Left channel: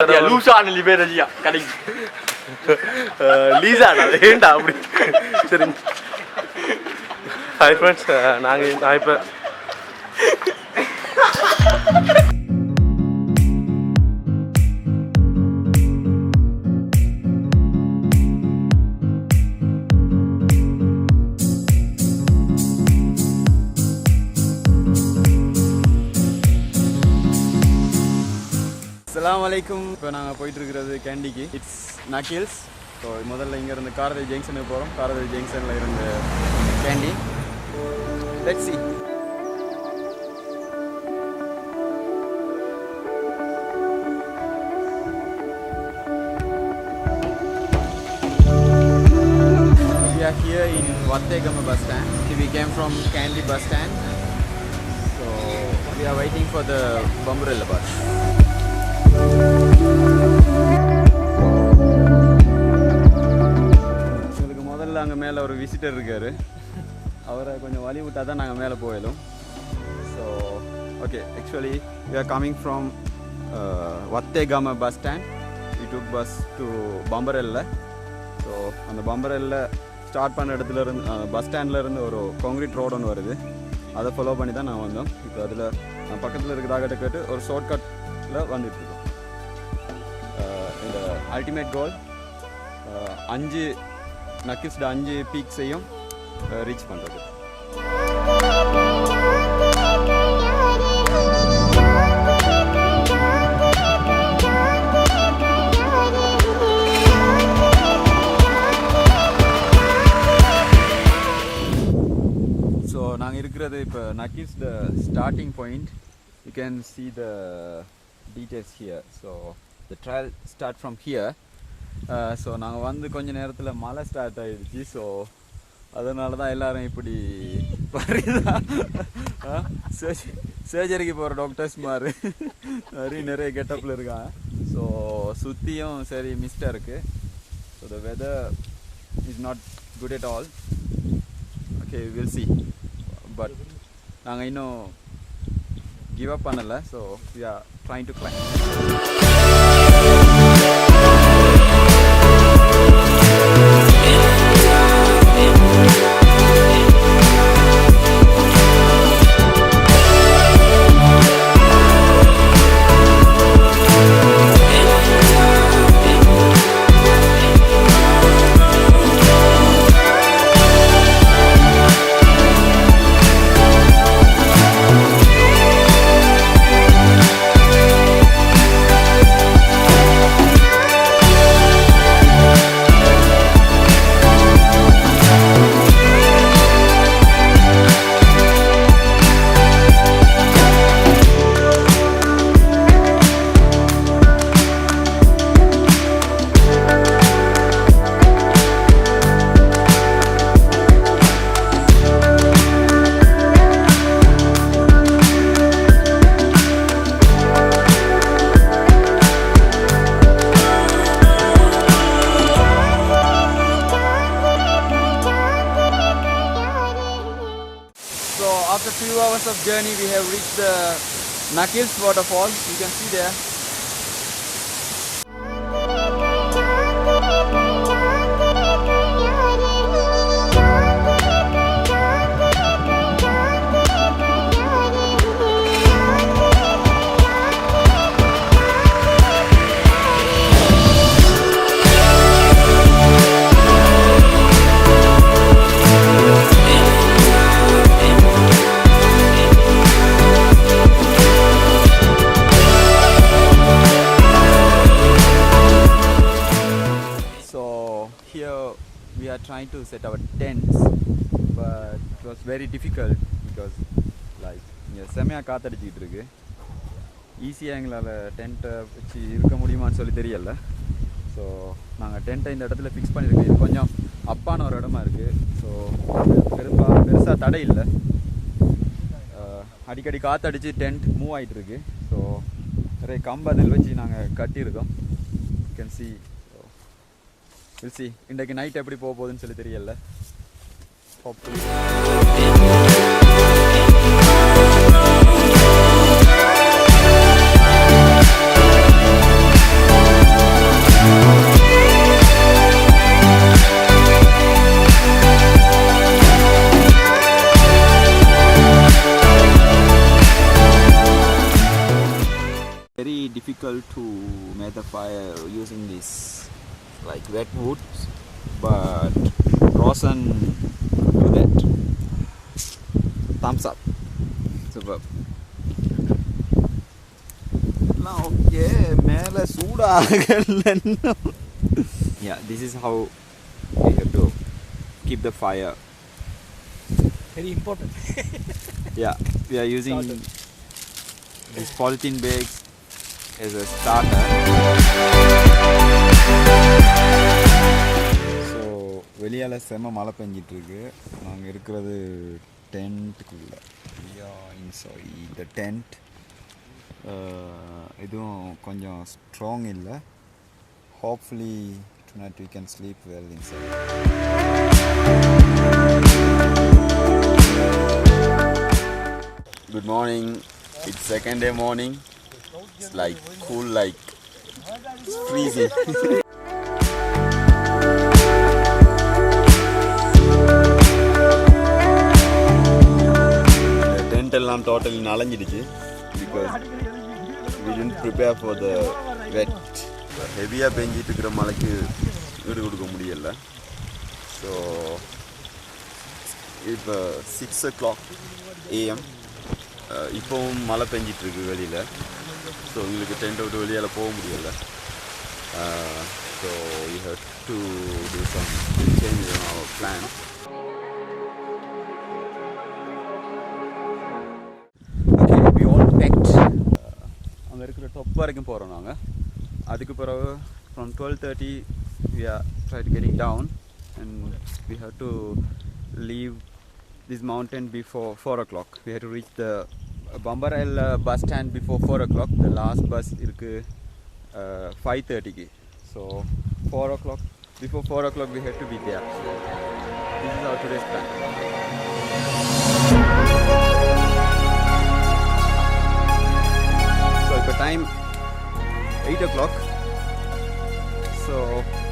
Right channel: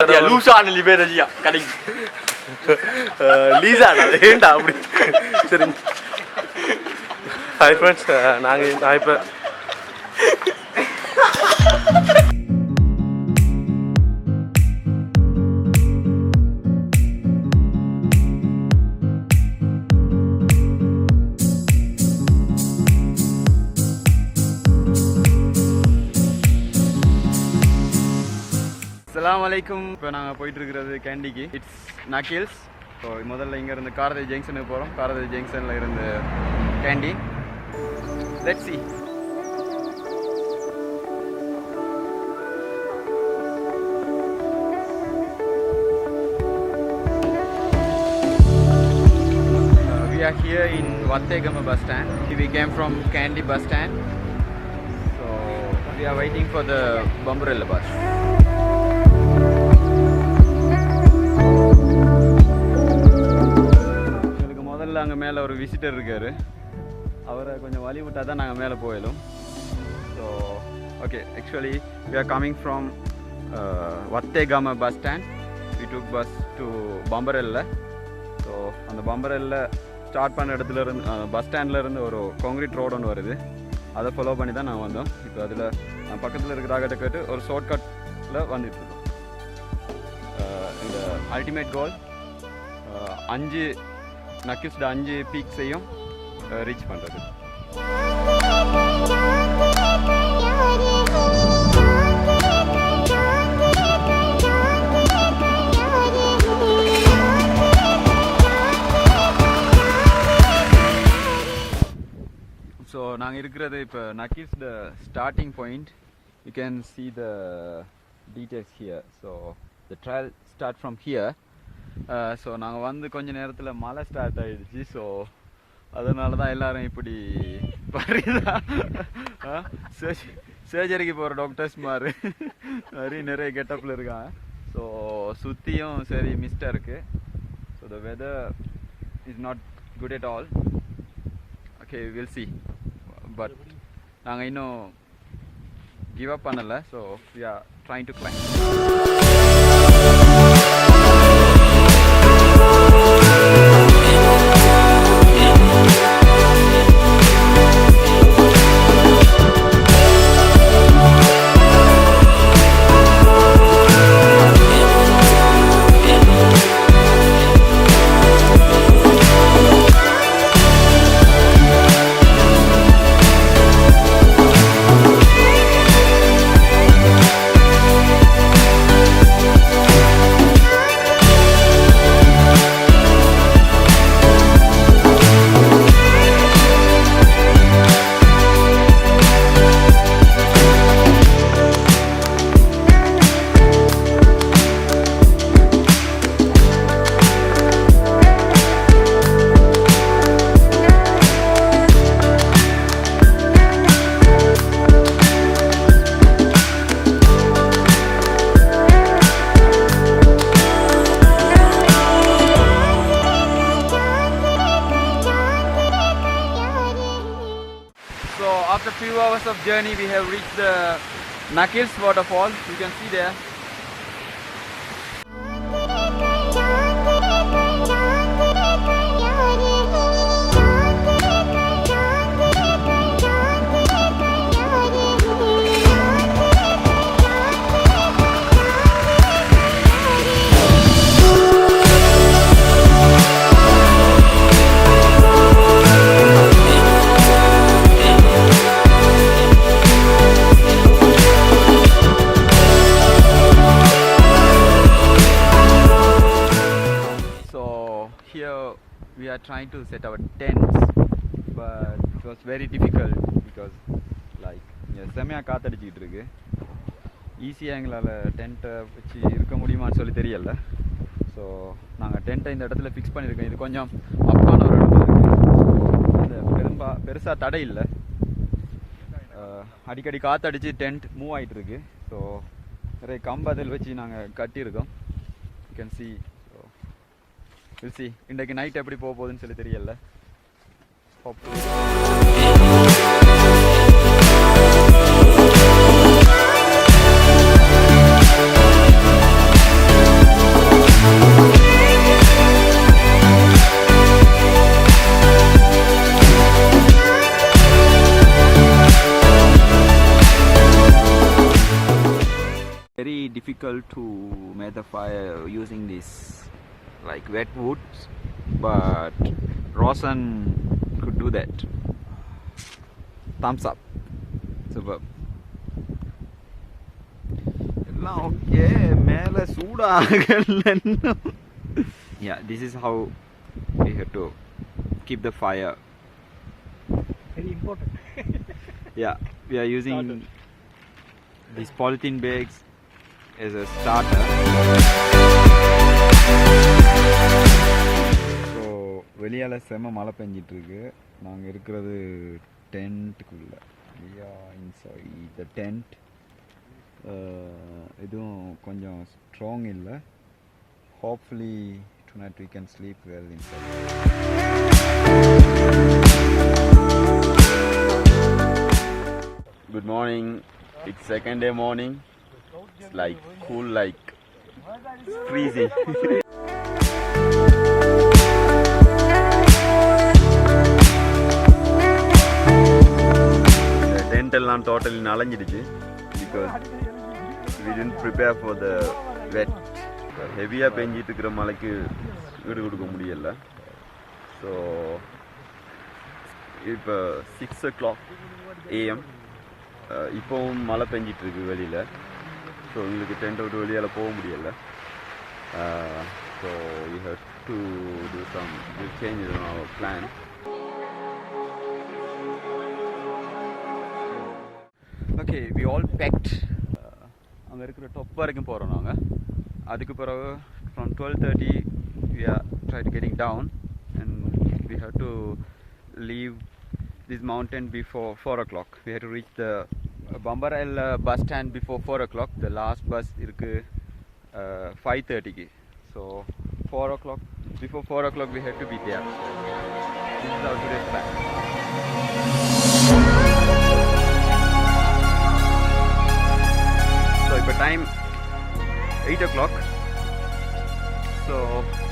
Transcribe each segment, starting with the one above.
லூசான லிபரலியா கடை லீசாடா ஏண்டா அப்படி சரி ஹாய் ஃப்ரெண்ட்ஸ் நான் இப்போ Assalamualaikum. இப்போ நாங்கள் போயிட்டுருக்கிறது கேண்டிக்கு. இட்ஸ் நக்கில்ஸ். ஸோ முதல்ல இங்கேருந்து காரதேவி ஜங்ஷனுக்கு போகிறோம். காரதேவி ஜங்ஷனில் இருந்து candy. Let's see. We are here in Wattegama bus stand. We came from Kandy bus stand. So we are waiting for the Bamburella bus. முதல்ல அங்கே மேலே ஒரு விசிட்டர் இருக்கார். அவரை கொஞ்சம் வழி விட்டால் தான் நாங்கள் மேலே போயிடும். So okay, actually we are coming from Wattegama bus stand. We took bus to Bamburella. So அந்த Bamburella ஸ்டார்ட் பண்ண இடத்துல இருந்து பஸ் ஸ்டாண்டில் இருந்து ஒரு கான்க்ரீட் ரோடு ஒன்று வருது. அதை ஃபாலோ பண்ணி தான் நான் வந்தோம். இப்போ அதில் பக்கத்தில் இருக்கிறாகிட்ட கேட்டு ஒரு ஷார்ட்கட்டில் வந்துட்டுருக்கோம். இந்த அல்டிமேட் கோல் 5 நக்கில்ஸ்ட 5 பீக்ஸையும் ரீச் பண்ணுறது. ஸோ நாங்கள் இருக்கிறது இப்போ நக்கில்ஸ்ட starting point. You can see the details here. So the trail start from here. So நாங்கள் வந்து கொஞ்ச நேரத்தில் மழை ஸ்டார்ட் ஆகிடுச்சு. ஸோ அதனால தான் எல்லோரும் இப்படி சர்ஜரிக்கு போகிற டாக்டர்ஸ் மாதிரி நிறைய கெட்டப்பில் இருக்காங்க. ஸோ சுற்றியும் சரி மிஸ்டாக இருக்குது. So the weather is not good at all. Okay, will see. But நாங்கள் இன்னும் கிவ் அப் பண்ணலை. So we are trying to climb. After few hours of journey, we have reached the Nakils waterfall. You can see there. We are trying to set our tents, but it was very difficult because like செமையாக காத்தடிச்சிட்டு இருக்கு. ஈஸியாக எங்களால் டென்ட்டை வச்சு இருக்க முடியுமான்னு சொல்லி தெரியல. ஸோ நாங்கள் டென்ட்டை இந்த இடத்துல ஃபிக்ஸ் பண்ணியிருக்கோம். இது கொஞ்சம் அப்பான ஒரு இடமா இருக்குது. அது பெருசாக தடை இல்லை. அடிக்கடி காற்றடிச்சு டென்ட் மூவ் ஆகிட்டுருக்கு. ஸோ நிறைய கம்பு அதில் வச்சு நாங்கள் கட்டியிருக்கோம். You can see. We'll see. இன்றைக்கு நைட் எப்படி போக போகுதுன்னு சொல்லி தெரியல. Hopefully. difficult to make the fire using this like wet woods, but Rosen could do that. Thumbs up. Superb. Now, okay, mele soodaagalla. Yeah, this is how we have to keep the fire. Very important. Yeah, we are using these polythene bags as a starter. So வெளியால செம மழை பெஞ்சிட்டு இருக்கு. நாங்க இருக்கிறது டென்ட்க்குள்ள. We are inside the tent. இதுவும் கொஞ்சம் strong இல்ல. Hopefully tonight we can sleep well inside. Good morning. It's second day morning. It's like cool, like it's freezing. The tent எல்லாம் totally நனைஞ்சிடுச்சு because we didn't prepare for the wet. ஹெவியாக பெஞ்சிட்டு இருக்கிற மழைக்கு வீடு கொடுக்க முடியல. ஸோ இப்போ 6 o'clock AM இப்போவும் மழை பெஞ்சிட்ருக்கு வெளியில். ஸோ உங்களுக்கு டென்ட் விட்டு வெளியால் போக முடியலை. So you have to do some change in our plan. Okay, we all packed. அங்கே இருக்கிற டொப் வரைக்கும் போகிறோம் நாங்கள். அதுக்கு பிறகு from 12:30 we are tried getting down and we have to leave this mountain before 4 o'clock. We have to reach the Bambarel bus stand before 4 o'clock. The last bus irukku 5:30 ki. So 4 o'clock, before 4 o'clock we have to be there. This is our today's plan. So இப்போ time 8 o'clock. So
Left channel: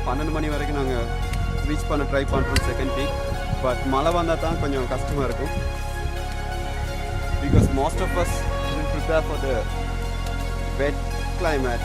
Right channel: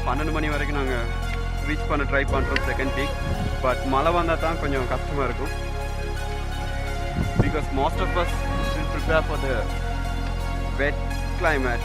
12 மணி வரைக்கும் நாங்கள் ரீச் பண்ண ட்ரை பண்ணுறோம் second peak. But மழை வந்தால் தான் கொஞ்சம் கஷ்டமாக இருக்கும். Because most of us will prepare for the wet climate.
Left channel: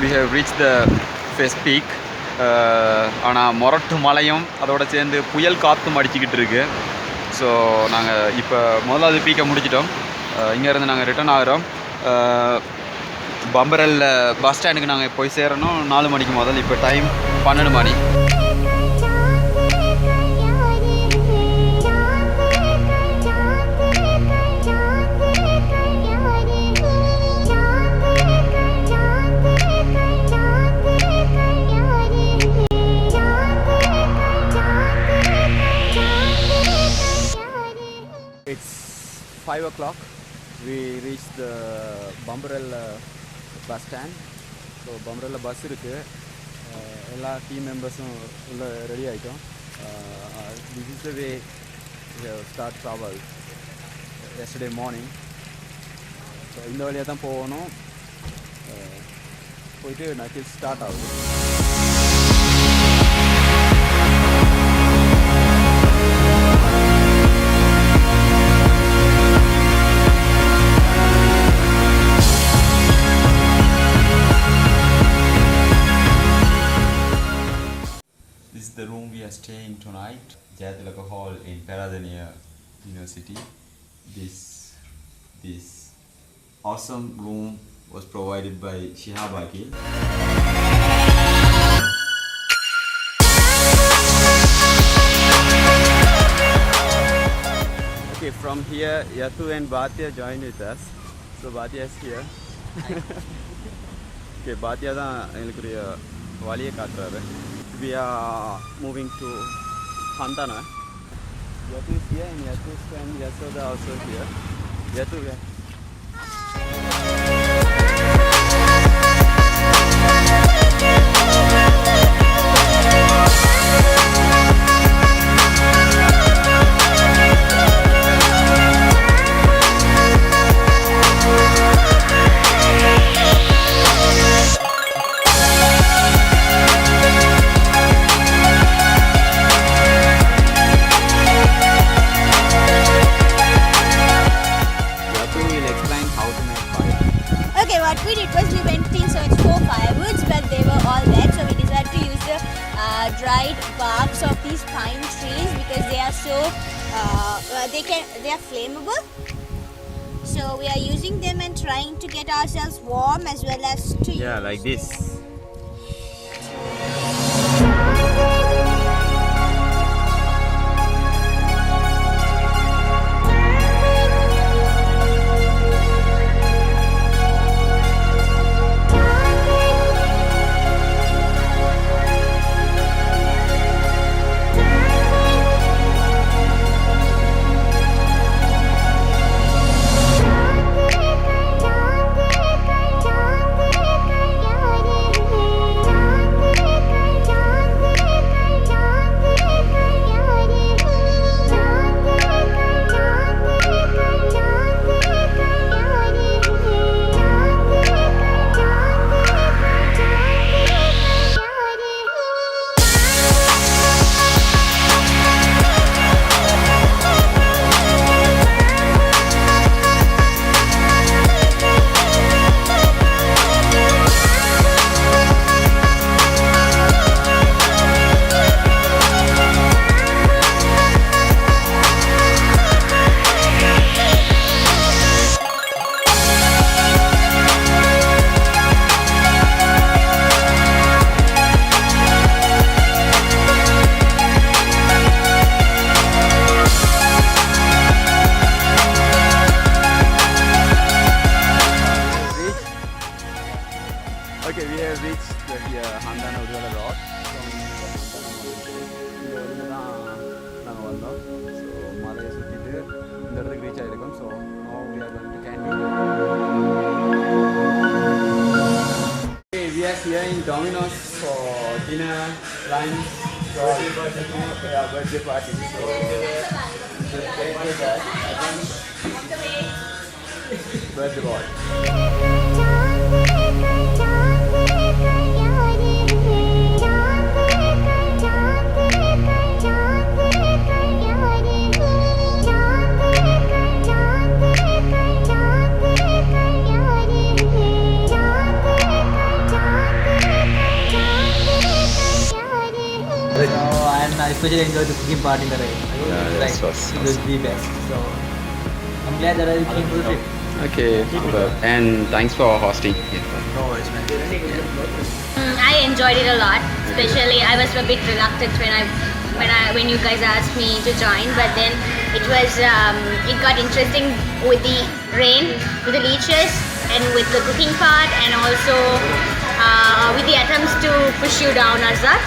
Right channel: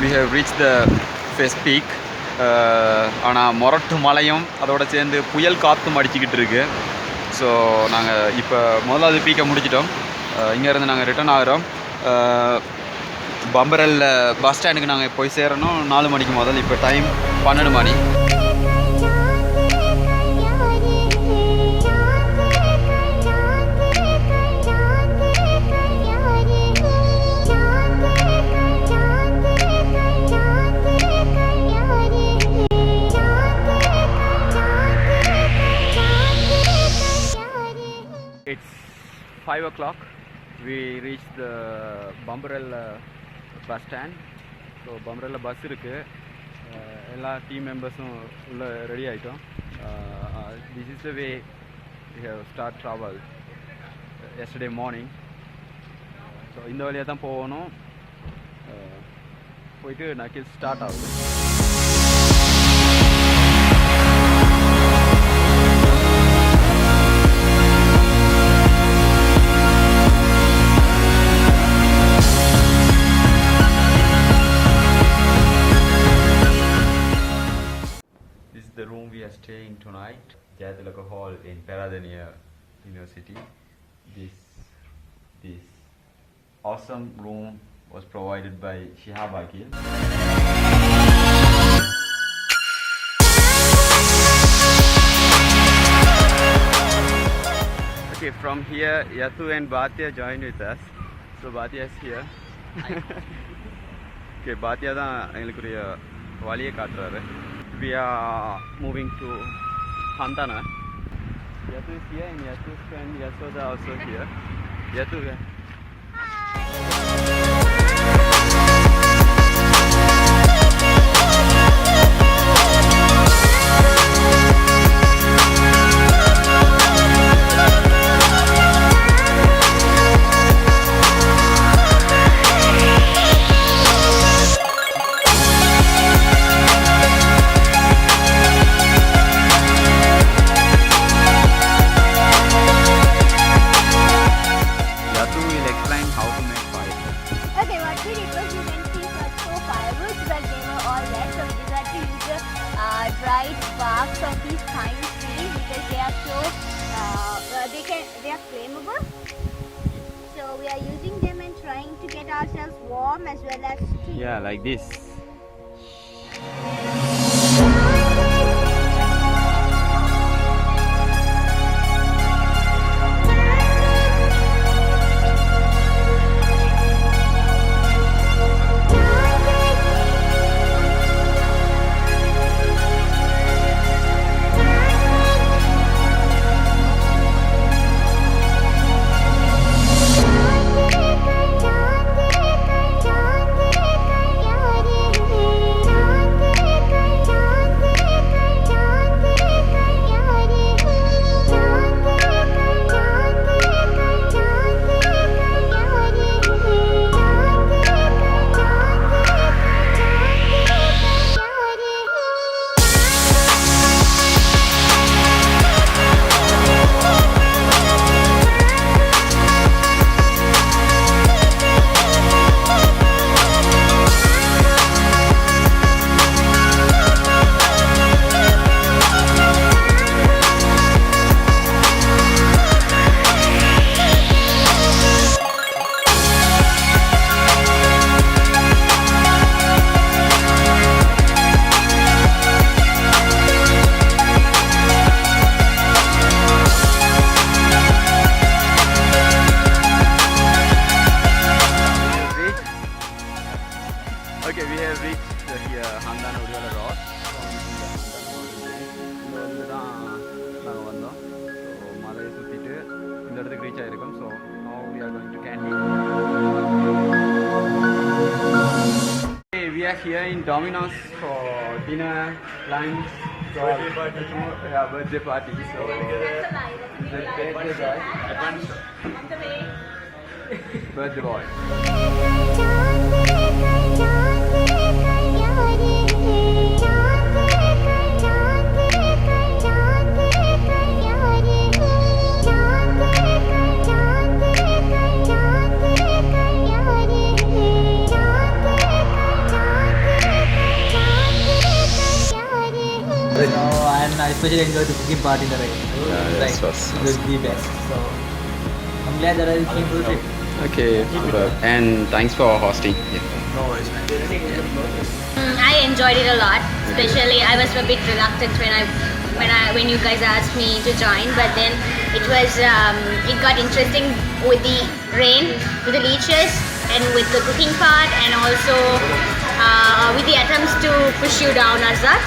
We have reached the first peak. ஆனால் மொரட்டு மலையும் அதோட சேர்ந்து புயல் காற்றும் அடிச்சுக்கிட்டு இருக்கு. ஸோ நாங்கள் இப்போ முதலாவது பீக்கை முடிச்சிட்டோம். இங்கேருந்து நாங்கள் ரிட்டர்ன் ஆகிறோம். பம்பரல் பஸ் ஸ்டாண்டுக்கு நாங்கள் போய் சேரணும் 4 மணிக்கு முதல். இப்போ டைம் 12 மணி. It's 5 o'clock. We reached the Bambarel bus stand. So Bambarel bus இருக்கு. எல்லா டீம் மெம்பர்ஸும் உள்ள ரெடி ஆகிட்டோம். This is the way we have start travel yesterday morning. So இந்த வழியாக தான் போகணும். போயிட்டு நக்கில் ஸ்டார்ட் ஆகுது. Peradeniya University. This awesome room was provided by Shihab Akil. Okay, from here, Yatu and Bhatia joined with us. So Bhatia is here. Okay, Bhatia தான் எங்களுக்குரிய வழியை காட்டுறாரு. We are moving to HANTHANA. Yatu is here and Yatu's friend Yasoda also here. Yatu, dried barks of these pine trees because they are so they are flammable. So we are using them and trying to get ourselves warm as well as to like this. Okay, we have reached the HANTHANA Udvala Rock from the HANTHANA mountain. இங்கே வந்து தான் நாங்கள் வந்தோம். ஸோ மலையை சுற்றிட்டு இந்த இடத்துக்கு reach ஆகிருக்கோம். So now we are going to candy. Okay, we are here in Domino's for dinner, lunch, birthday party. So birthday boy. And I especially enjoyed the cooking part in the rain. It was the best. So I'm glad that I came to the trip. Okay, and thanks for hosting. No worries, man. I enjoyed it a lot. Especially, I was a bit reluctant when you guys asked me to join, but then it got interesting with the rain, with the leeches, and with the cooking part, and also with the attempts to push you down, Arzath.